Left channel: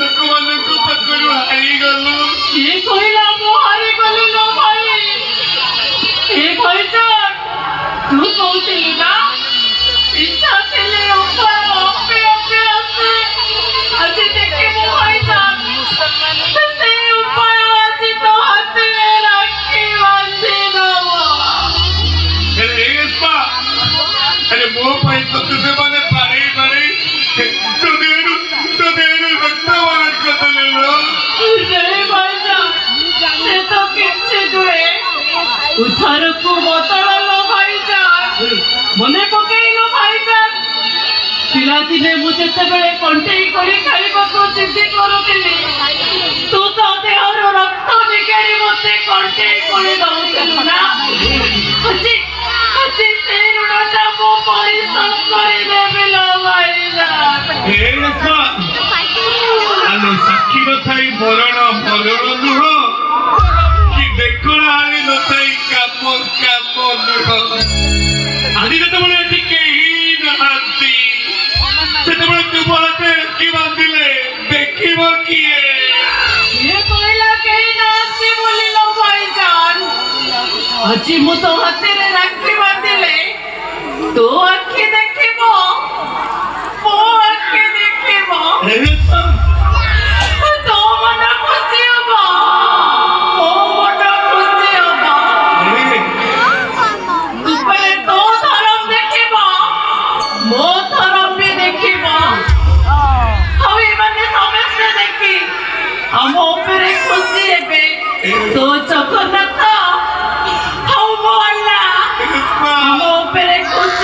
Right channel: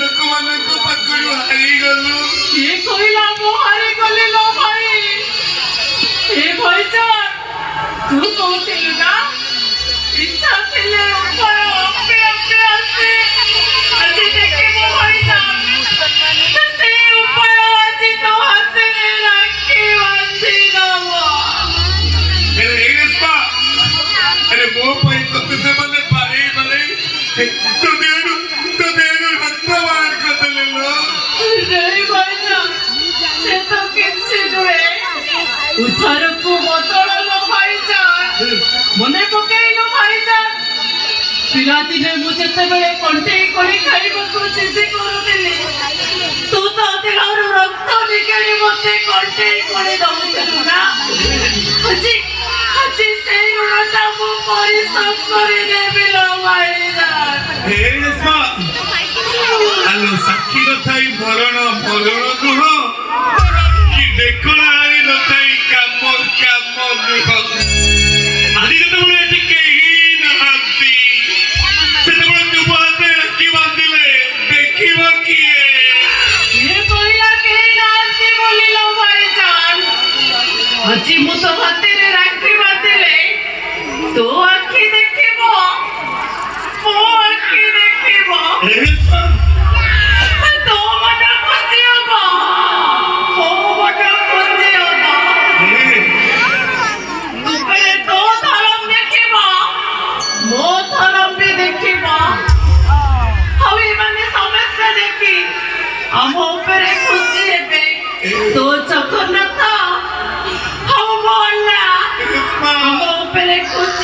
ଲୋକମାନଙ୍କ ପାଖରୁ ହାରିଗଲୁ। କିଏ କହିଲା ମୁଁ ହାରିଗଲି ଲୋ ଭାଇ? ଏ ଭାଇଜାନ, ତୁ କହୁଥିଲୁ ନା ଇଚ୍ଛା ଥିଲେ ଉପର ଅପି ଅପି ଆସି ଆଜି ଦେଖିବୁ ଭାଇଜାନ, ସେ ଉପର ଆଜି ତୋ ହାତରେ ରାକ୍ଷୀ ବାନ୍ଧି ଦବ। ହେଲେ ଏଇ ରେସ୍ପା, ଆରେ ମୋ ପାଇଁ ତତେ ସେମାନେ ବାଡ଼େଇ ବାଡ଼େଇ ତୋ ଦେହରୁ ରକ୍ତ ବାହାର କରିଦେଲେ ଲୋ। ନାଇଁ ଭାଇଜାନ, ସେ ତ କିଛି ନୁହେଁ। ଉଦ୍ଧାରକୁ ବଦଳ ଲୋ ଭାଇଜାନ। ମନେ ପକେଇଲ ଭାଇଜାନ, ପିଲାଦିନେ ମୁଁ ଯେତେବେଳେ କଣ୍ଟେଇ କରି ଖାଇବାକୁ ଜିଦ୍ଦି କରୁଥିଲି, ତୁ ତ ଦେହରୁ ରକ୍ତ ନିଗାଡ଼ି ମତେ କଣ୍ଟେଇ କରି ଦଉଥିଲୁ ନା? ଆଜି ସେଇ ଋଣଟା ମୁଁ ପରିଶୋଧ କରିଦେବି ଲୋ ଭାଇଜାନ। ଏଇ ରେସ୍ପା, ଆଲୋ ସାକ୍ଷୀ ନଥାଇ ମରଣ ନୁହଁ କି ଦେଖଣା ହାରି ନଥାଇ କାମ ନୁହଁ। ଆଜି ଯେତେବେଳେ ଏଠି କେହି ନାହାନ୍ତି, ସେତେବେଳେ ତୁମ ହାତରେ ରାକ୍ଷୀ ବାନ୍ଧିଲେ ଦେଖିବ କିଏ? କିଏ କହିଲା କେହି ନାହାନ୍ତି ବୋଲି ଲୋ ଭାଇଜାନ? ଆଜି ମୁଁ ତୋ ହାତରେ ରାକ୍ଷୀ ବାନ୍ଧିଲେ ତୋ ଆଖି ଦେଖିବ, ମୋ ଆଖି ଦେଖିବ, ଏଇ ରେସ୍ପା, ତୋ ମନ ଖୁସି ହବ, ମୋ ମନ ଖୁସି ହବ। ଉପରେ ତୋ ଧରମ ଦେଖିବ, ମୋ ଧରମ ବି ଦେଖିବ। ଆଉ ଏମାନେ ସମସ୍ତେ ଦେଖି ଆମ ଉପରେ ଖୁସି ହେବେ। ତୋ ଜଗନ୍ନାଥ ଆଉ ମୋ ଅଲ୍ଲା ଆମ ଉପରେ ଖୁସି